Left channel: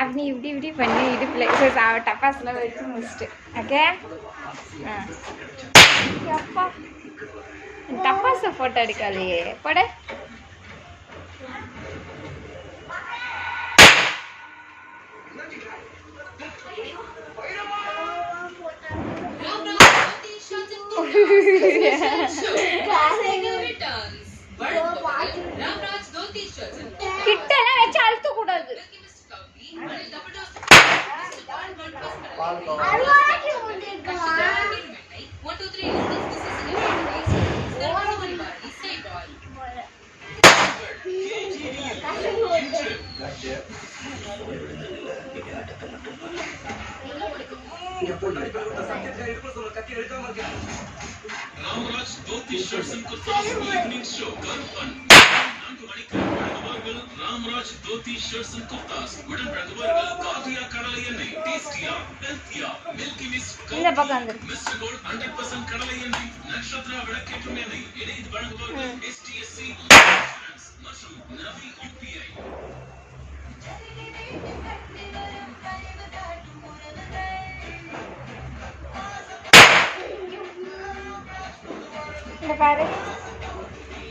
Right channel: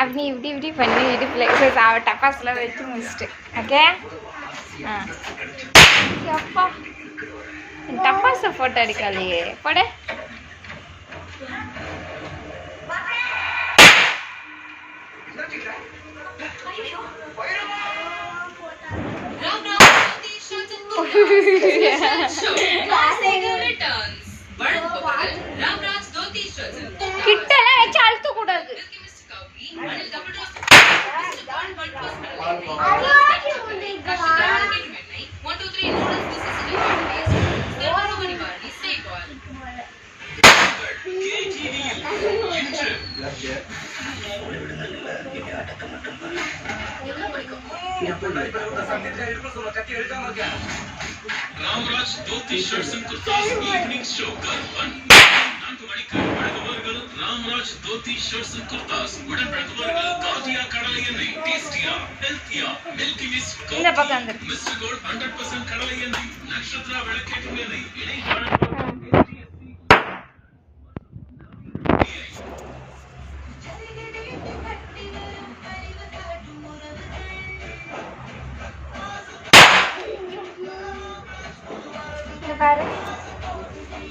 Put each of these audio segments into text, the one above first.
அப்படி இப்படி இப்படி பண்ணி இடுப்புல டப்பாஸ்லாம் வச்சு முடிச்சுட்டு ஓகே. அப்பா டப்பாஸை போட்டோ அடிக்காதையே போட. கிட்டலாம் வச்சு அழுத்த கூடாது. Ramraj dhoti shirts and Gurdas evening show Ramraj dhoti shirts and Gurdas உடன் வழங்குவார்கள் காதியா கடலை எண்ணெய், டேஸ்டியா ஹெல்த்தியா மில்கி மிஸ்டர் கோல்ட் 100% கடலை எண்ணெய், நட்சத்திரா விளக்கேற்றும் எண்ணெய், இணை வழங்குவார்கள் STSC மற்றும் நவி UPI. இங்க பாரு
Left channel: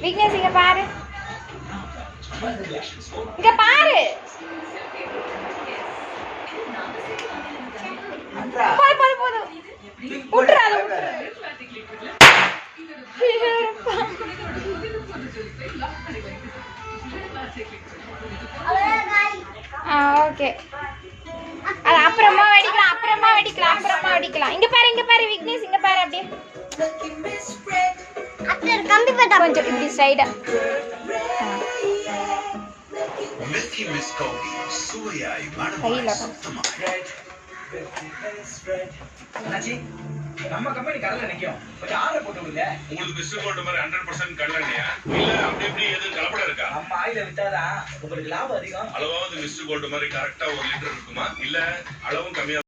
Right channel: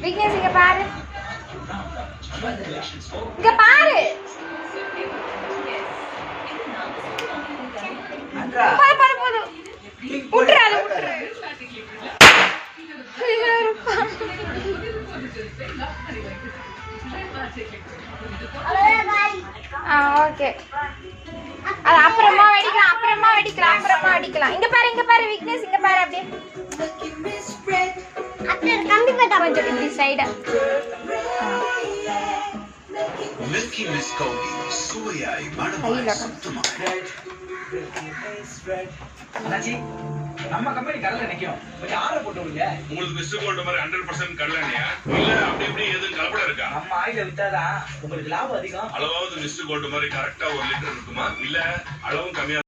விக்னேஷ், இங்க பாரு, இங்க பாரு. போதும் போதும் போதும், விட்டுரு அதை விட்டுரு. ஓகே, அது அப்புறமா வெடிக்கலாம், அப்புறமா வெடிக்கலாம், அப்புறமா வெடிக்கலாம். இங்க பாரு, இங்க பாரு விக்னேஷ், இங்க பாரு. அப்படியே கொஞ்சம் இப்படி சைடா. மில்கி மிஸ் கௌபி சுவையாய் மணமாய் சுத்தமாய். நம்ம கம்பெனி கடலை நிக்கும், கொஞ்சம் ஆர்டர் போட்டு விடுங்க. உங்களுக்கு மிஸ்டர் கோல்ட் மாதிரி 100% கடலையா இல்ல அப்படி எப்படி எதுவும் கலப்படம் இருக்கா? நம்ம ஆயில வித்தாதான் உங்களுக்கு லாபம் அதிகம். அளவாவது மிஸ்டர் கோல்ட் மாதிரி கரெக்டா 1 லிட்டர் இருக்குமா இல்ல அளவும் கம்மியா?